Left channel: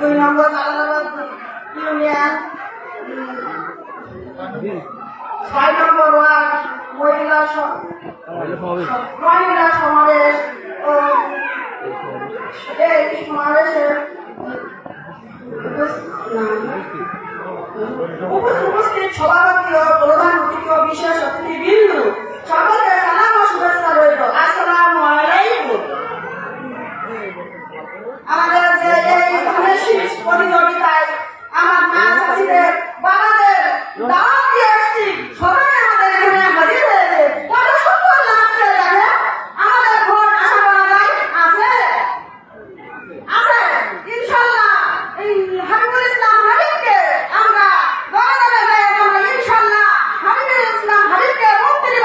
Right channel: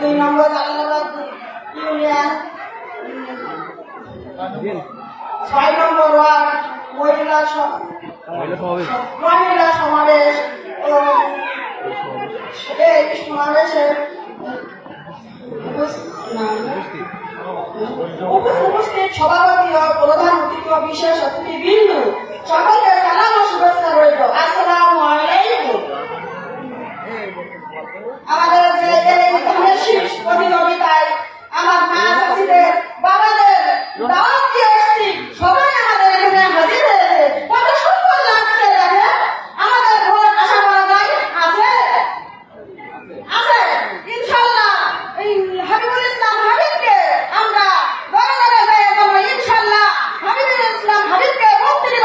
2 নম্বর Jalalabad union, 6 নম্বর word মহিলা সমাবেশ ও এই সমাবেশের উপস্থিত সভাপতি ও প্রধান অতিথি ও বিশেষ অতিথিবৃন্দ সকলকে সালাম ও শুভেচ্ছা রইল। আসসালামু আলাইকুম। আমাদের যে এই ধানের শীষ প্রতিযোগিতায় আমার মা চাষিদের বাবাদের দাওয়াত দিয়ে এসেছি, সবাই আমাদের এখানে হাজির হয়েছে। কত সুন্দর লাগছে দেখেন। আমাদের ভোট আশা করা যায় আছে আছে ইনশাল্লাহ। এই হাবিবুল ইসলাম হাবিবকে আমরা দলে দলে যাই জন্য ইনশাল্লাহ হাবিবুল ইসলাম হাবিবকে মন্ত্রী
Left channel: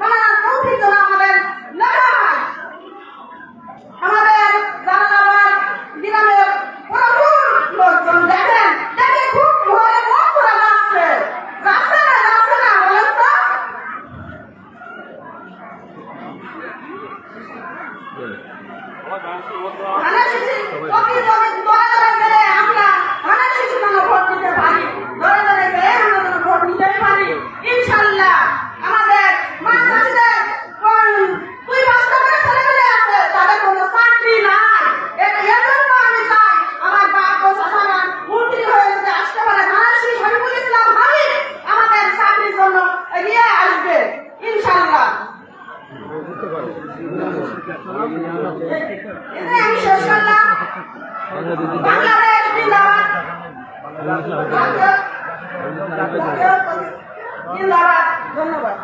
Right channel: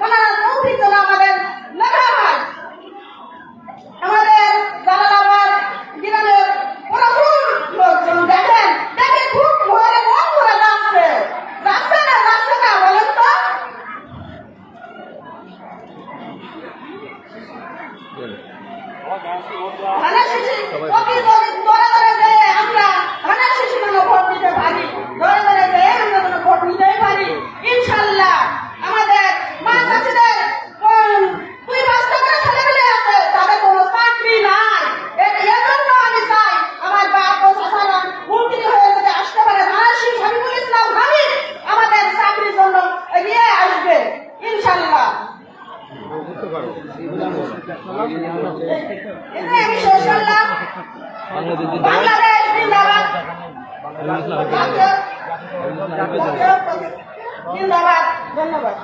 বানানোর তৌফিক যেন আমাদের লেখা হয়। আমাদের জালালাবাদ গ্রামের প্রচুর লোকজন দেখেন, দেখে খুব ঘরে মন ভরে যাচ্ছে। যাচ্ছে না বলেন তো? ধানের শিশি দলে দলে যেয়ে আমরা ধানের শিশি যেন ভোট দিতে পারি, দলে দলে যেয়ে আমরা যেন ভোট নিতেই পারি ইনশাল্লাহ। আমাদের মা চাষিদের 2-5টা করে ছেলেমেয়ে আছে, তাদের কোনো চাকরি নাই। এজন্য আমি চাই আমার বাপ ও চাচারা মন্ত্রী হয়ে যদি আসতে পারে, ধানের শীষ হাবিবুল ইসলাম হাবিব আমাদের চাকরির জন্য এগিয়ে আসবে ইনশাল্লাহ। আমি শেষ করলাম। বাংলাদেশ জিন্দাবাদ, জিন্দাবাদ, ধন্যবাদ।